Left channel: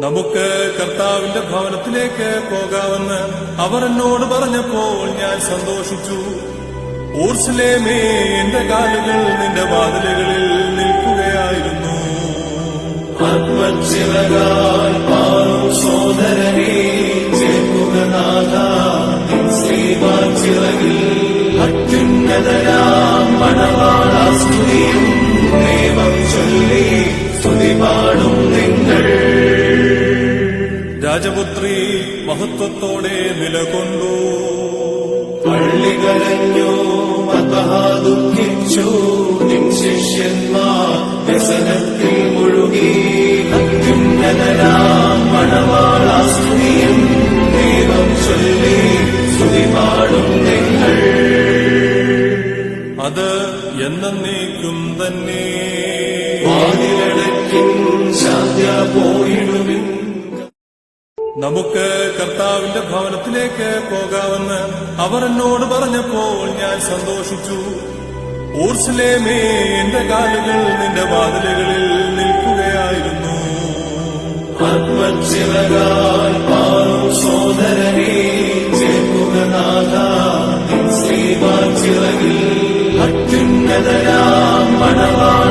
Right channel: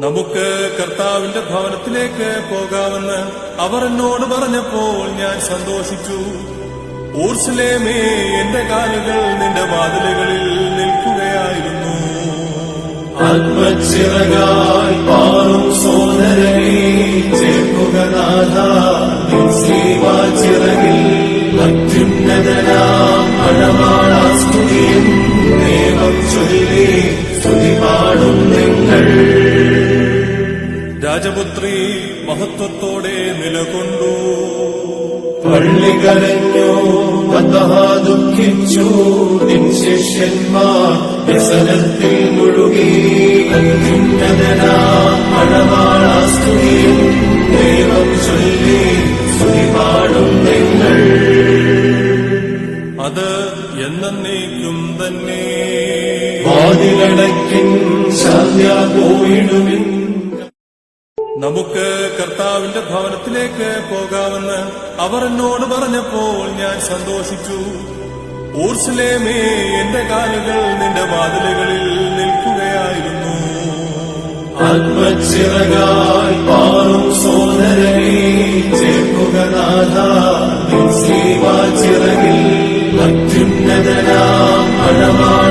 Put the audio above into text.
നമുക്ക് കർത്താവിന്റെ ഭവനത്തിലേക്ക് പോകാമെന്ന് അവർ എന്നോട് പറഞ്ഞപ്പോൾ ഞാൻ സന്തോഷിച്ചു. ഊർസ്ലേമേ എന്റെ കാലുകൾ നിന്റെ വാതിലുകളിൽ നിൽക്കുകയായിരുന്നു. ആത്മച്ചിറകാൽ പാറും സോദരനെ ചേർക്കുക നാഥ. ശ്രീവാചിറകിൽ അത്യുന്നതനാം മണവാളാസ്തുതിയും ദൈവം ചൊല്ലി സ്തുതി പാടും രാജപുത്രി മഹത്വത്തോടെ നിലകൊണ്ടു. പള്ളി കരഞ്ഞു ദുഃഖിച്ചു നിൻ ശിഷ്യന്മാർ വ്യസനത്തിൽ മുഴുകി. അത്യുന്നതനാം മണവാളാസ്തുതിയും ദൈവം ചൊല്ലി സ്തുതിപാടും നിങ്ങൾ. അത് എന്നേക്കും തന്നെ. വാതിലടക്കിൻ സന്ധ്യ പോയിടുവിൻ. നമുക്ക് കർത്താവിന്റെ ഭവനത്തിലേക്ക് പോകാമെന്ന് അവർ എന്നോട് പറഞ്ഞപ്പോൾ ഞാൻ സന്തോഷിച്ചു. ഊർസ്ലേമേ എന്റെ കാലുകൾ നിന്റെ വാതിലുകളിൽ നിൽക്കുകയായിരുന്നു. ആത്മച്ചിറകാൽ പാറും സോദരനെ ചേർക്കുക നാഥ. ശ്രീവാചിറകിൽ അത്യുന്നതനാം മണവാള